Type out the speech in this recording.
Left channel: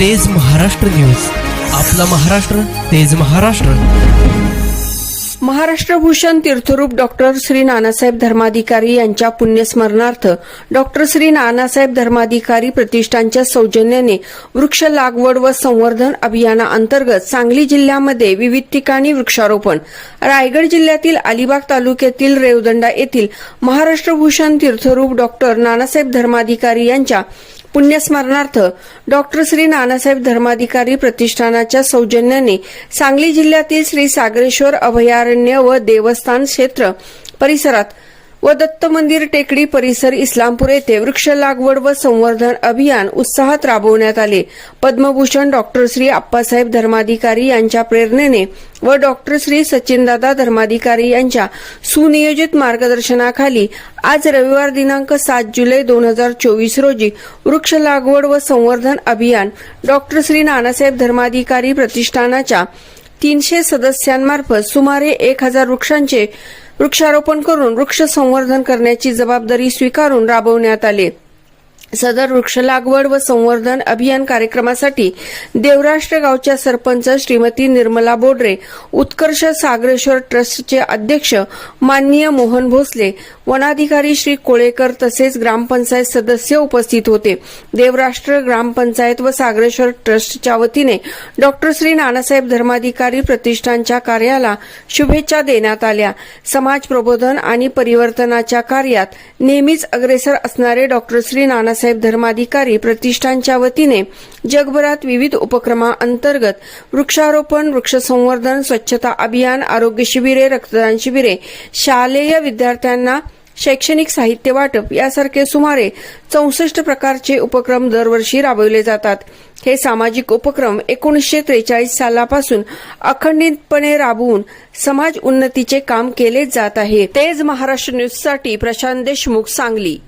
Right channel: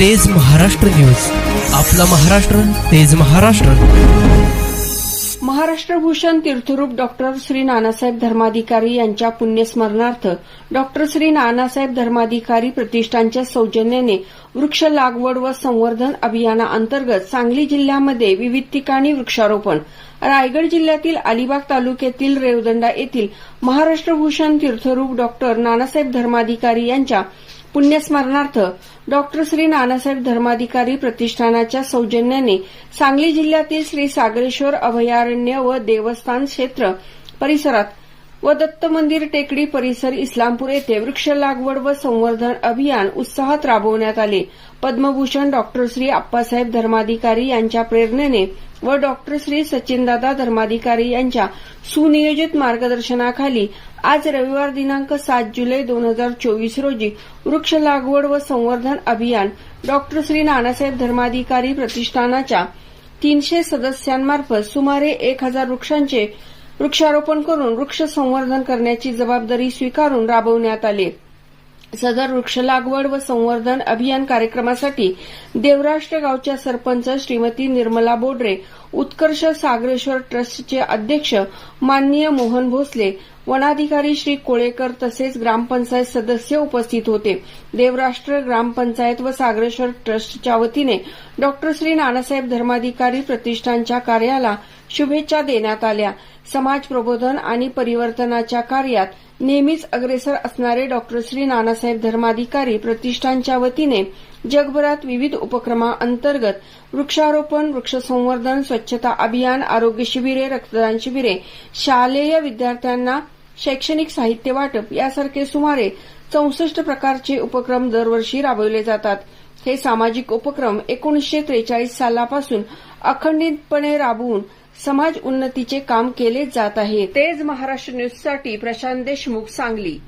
तेज महाराष्ट्र न्यूज. आपला महाराष्ट्र तेज महाराष्ट्र. महाराष्ट्र भूषण तीर्थरूप डॉक्टर श्री नानासाहेब धर्माधिकारी यांच्या पुण्यस्मरणार्थ डॉक्टर श्री नानासाहेब धर्माधिकारी प्रतिष्ठानच्या सौजन्याने वृक्ष लागवड व संवर्धन अभियानाअंतर्गत सांगली जिल्ह्यामध्ये विविध ठिकाणी वृक्षारोपण. रायगड जिल्ह्यातील अलिबाग तालुक्यातील रेवदंडा येथील महाराष्ट्र भूषण तीर्थरूप डॉक्टर नानासाहेब धर्माधिकारी यांच्या पुण्यस्मरणार्थ डॉक्टर श्री नानासाहेब धर्माधिकारी प्रतिष्ठानाच्या सौजन्याने सांगली जिल्ह्यातील श्री सागरेश्वर अभयारण्य व देवस्थान क्षेत्र परिसरात व दत्त मंदिर टेकडी परिसर इस्लामपूर येथे वृक्ष लागवड व संवर्धन अभियान उत्साहात राबवण्यात आले. पद्मभूषण डॉक्टर श्री आप्पासाहेब धर्माधिकारी यांच्या प्रेरणेने व डॉक्टर श्री सचिनदादा धर्माधिकारी यांच्या सुनियोजित मार्गदर्शनाखाली आज रविवार दिनांक सात जुलै दोन हजार चोवीस रोजी वृक्ष लागवड व संवर्धन अभियान डॉक्टर श्री नानासाहेब धर्माधिकारी प्रतिष्ठानाच्या तीनशे सदस्यांमार्फत सुमारे एक हजार वृक्षांचे वृक्षारोपण करून वृक्ष संवर्धन करण्याची जबाबदारी स्वीकारून राबवण्यात आली. सदर वृक्ष लागवड व संवर्धन अभियान कार्यक्रमासाठी देवराष्ट्र गावच्या सरपंच श्रीमती निर्मला बोडरे उत्कर्ष सागरेश्वर ट्रस्टचे अध्यक्ष माननीय मोहन भोसले वनाधिकारी श्री कोळेकर तसेच ग्रामपंचायत सदस्य उपस्थित होते. देवराष्ट्र ग्रामपंचायत व सागरेश्वर ट्रस्टच्या वतीने डॉक्टर श्री नानासाहेब धर्माधिकारी प्रतिष्ठानच्या कार्याला शुभेच्छा देण्यात आल्या. समाज प्रबोधन आणि परिवर्तनाच्या कार्यात नेहमीच अग्रेसर असणारे डॉक्टर श्री नानासाहेब धर्माधिकारी प्रतिष्ठानच्या वतीने जगभरात विविध उपक्रमाअंतर्गत वृक्षारोपण वृक्ष संवर्धन स्वच्छता अभियान आरोग्य शिबिरे रक्तदान शिबिरे शालेय विद्यार्थ्यांना शैक्षणिक साहित्य वाटप यासारखे सुमारे चौसष्ट प्रकारचे उपक्रम दरवर्षी राबवले जातात. हे सामाजिक उपक्रम एकोणीसशे त्रेचाळीस सालापासून अखंडितपणे राबवून समाज उन्नतीचे काम केले जात आहे. तेज महाराष्ट्र न्यूजसाठी प्रशांत देशमुख सांगली.